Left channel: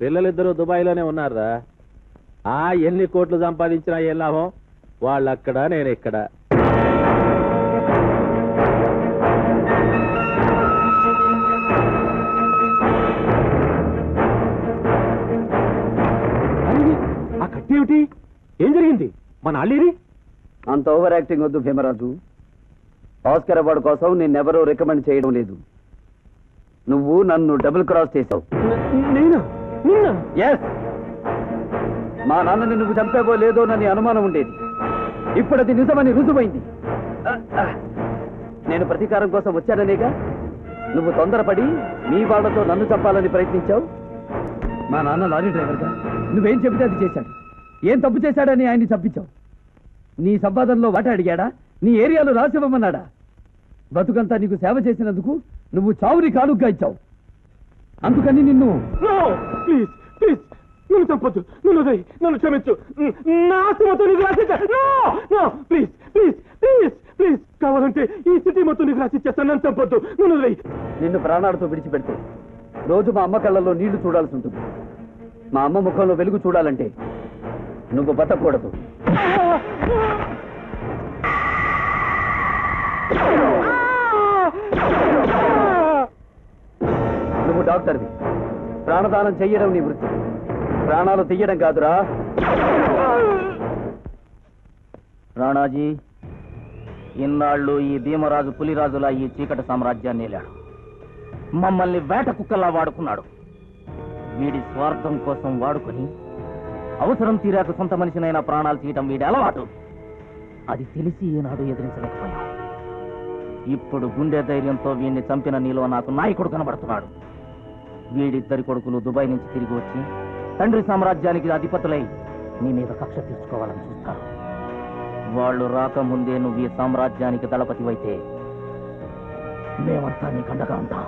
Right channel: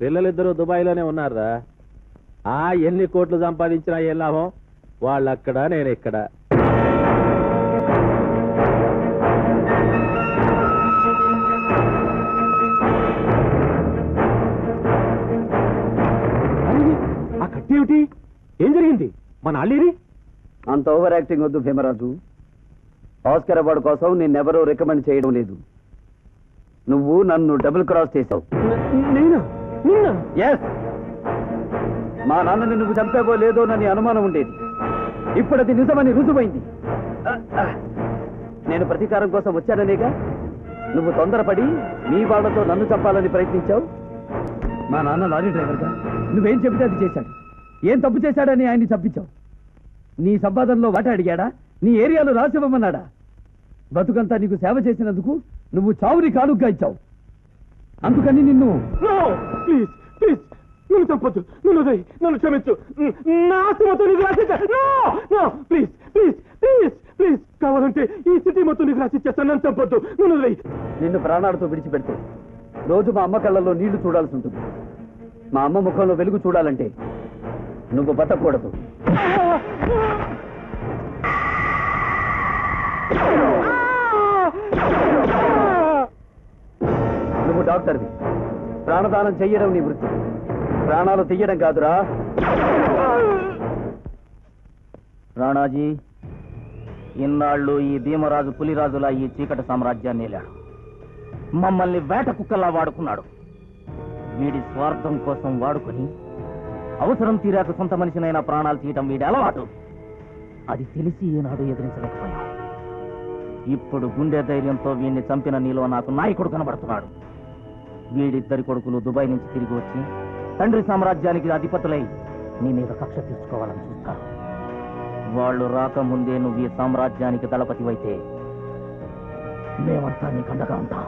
పిల్లలిద్దరూ దుబాయ్లోనే ఉన్నారా? ఎన్ని కోట్లు సంపాదించినా ఏం లాభం? వాళ్ళక్కడ నేను ఇక్కడ. ఆ కత్తి ఏమిటి? ఏం జరిగింది? మన అల్లీరి అంత ఓవర్ యాక్టింగ్ వద్దు భీమరాజు. ఆస్కర్ అవార్డు కోసం నిన్నెవరూ రికమెండ్ చేయడం లేదు. నువ్వు నన్ను డబుల్ క్రాస్ చేశావు. మా నాన్నని నువ్వు చంపేవో లేదో నని అనుమానం ఉండేది. ఇప్పుడు అది నిజమని రుజువైంది. నేను ప్రతీకారం కోసం వచ్చాననేగా నువ్వు తొందరపడి మీ వాళ్లతో నన్ను చంపాలని ప్రయత్నించావు. మా నాన్న లారీ డ్రైవర్గా నువ్వేం చెబితే అది చేశాడు. ఏం తప్పు చేశాడని ఆయన్ని చంపించావు. నీ సంపాదనలో వాటా అడిగాడా? నీ ఏరియాలో రాసివ్వమన్నాడా? బతుకంతా నీకు సేవ చేసినందుకు నువ్వు చావుని కానుగ్గా ఇచ్చావు. అందుకని నిన్ను ప్లీజ్ ప్లీజ్ నన్ను చంపొద్దు, నన్ను క్షమించు. ప్లీజ్ ప్లీజ్ ప్లీజ్ ప్లీజ్ కావాలంటే ఈ సిటీ మొత్తం నీకు రాసిచ్చేస్తాను. నన్ను చంపొద్దు, నిన్ను ప్రాణాలతో విడిచిపెడితే రోజు మా అమ్మ కళ్ళల్లో నీళ్లు చూడాల్సి ఉంటుంది. మా అమ్మ ముఖంలో వెలుగు చూడాలంటే నువ్వు బతకూడదు. నువ్వు డాక్టర్వి. ప్రాణదానం చెయ్యడం నీ వృత్తి, ప్రాణాలు తీయడం కాదురా. రాణాజీ, ఇన్నాళ్ళు ఈ భీమరాజు పులిరాజులా ఈ చీకటి సామ్రాజ్యాన్ని ఏలాడు. మమ్మల్ని వేట కుక్కల్లా వాడుకున్నాడు. వీడి స్వార్థం కోసం వాడుకొని అవసరం తీరాక సొంత మనిషినైనా ప్రాణాలు తీయటం వీడి అలవాటు. అది తెలిసి ఈనాడు ఎదిరించలేకపోయాం. ఇప్పుడు గుండె ధైర్యంతో వీడిని చంపిన నీలో నాకు నాయకుడు కనబడుతున్నాడు. వీడిద్దరి కొడుకులు దుబాయ్ నుంచి తిరిగి వచ్చి తండ్రి సామ్రాజ్యానికి అధిపతులై నీ మీద కక్ష తీర్చుకోవాలని చూస్తారు. వాళ్ళు రాకముందే నువ్వు ఈ సామ్రాజ్యానికి దళపతివైతే మేమంతా నీకు అండగా ఉంటాం.